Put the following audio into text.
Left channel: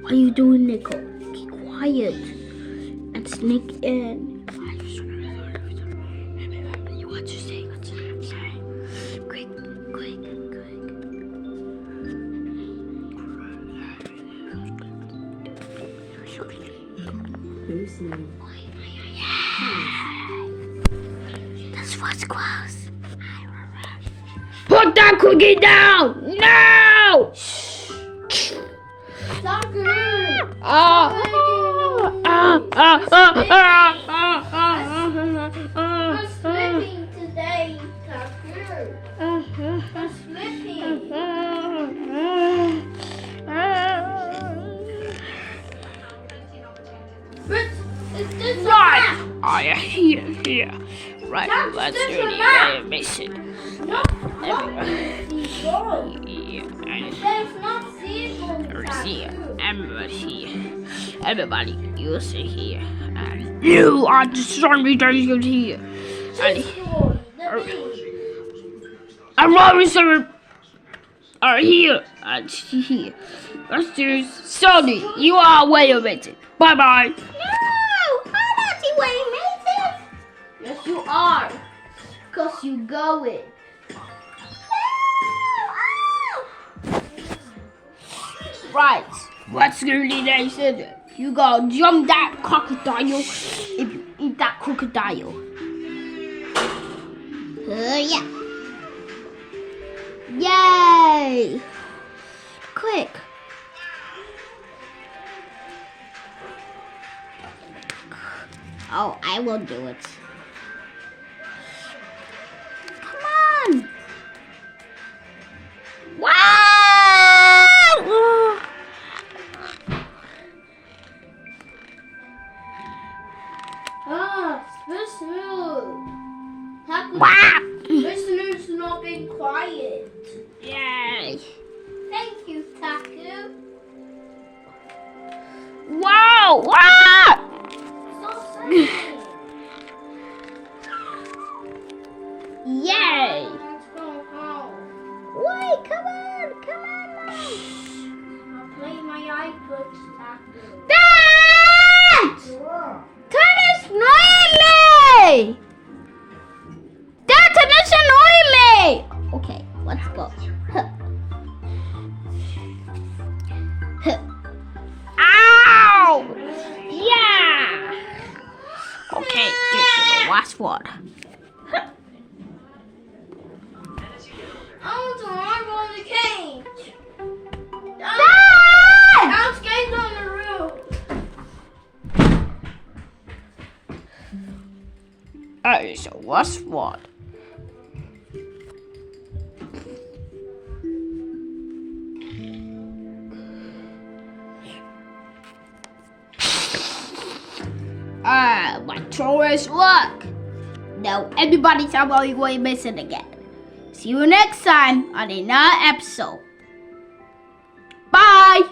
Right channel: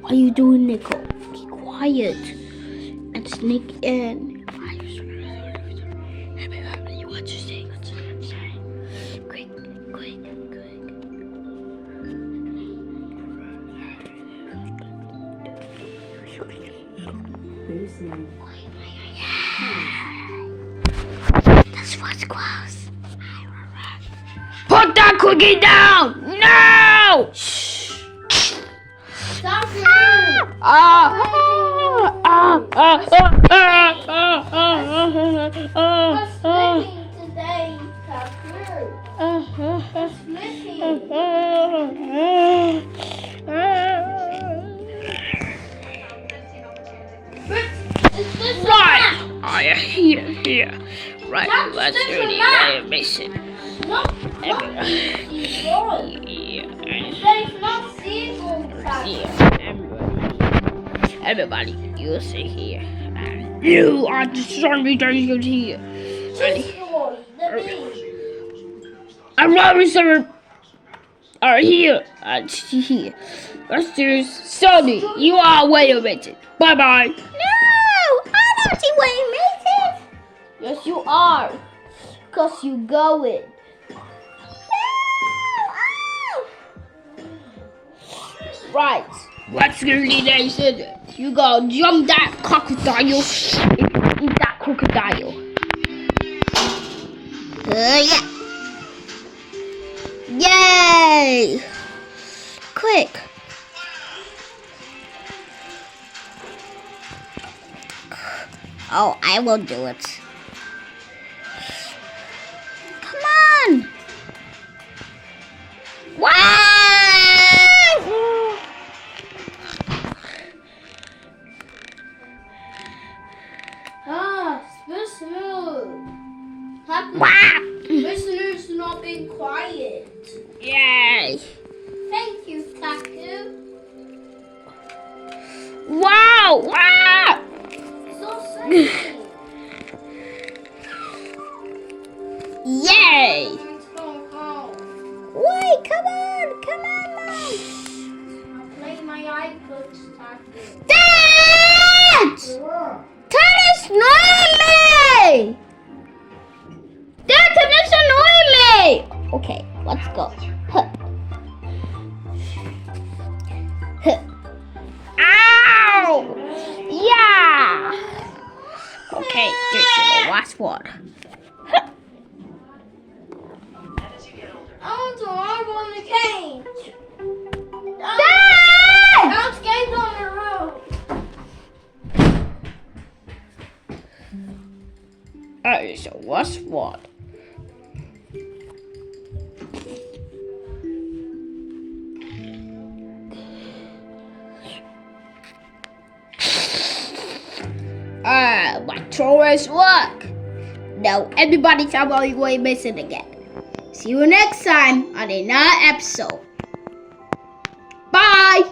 What are you doing, Nicole? Keep quiet and sneak in. What you say? What you say? Quick. This was close. Put that cookie down! No! Shh. Stop it! What's living today, Tucker? What's living? Right! Oh, yeah, here. Right, let's do the animation. Everybody, you sit here. And you are the sunny here. And Robinson are here. And here. Let's do Sonny. You are way amazing. Bye bye. No! I'm not way amazing! Yes, you are. Because you going. Right. What's the nation? You gotta jump that crocodile. Eat that crocodile. Yeah. Yay! Quick. Oh, I will do it. Come on. Wow! Wow! Listeners not being quiet. Yay! Thank you, Taku. Wow! Wow! So silly. Yay! Let's go home. Wait, come on, Mom. I'll play my iPods, Taku. Dad! That is annoying me! Dad, that is annoying me! Okay, let's go. Ow! Yeah! Okay, this is the last one. I want to marble in the cage. Dad! I'm skating on the roof. That is the last one. My chores work. Now everybody's going missing again. See you next time on another episode. Bye.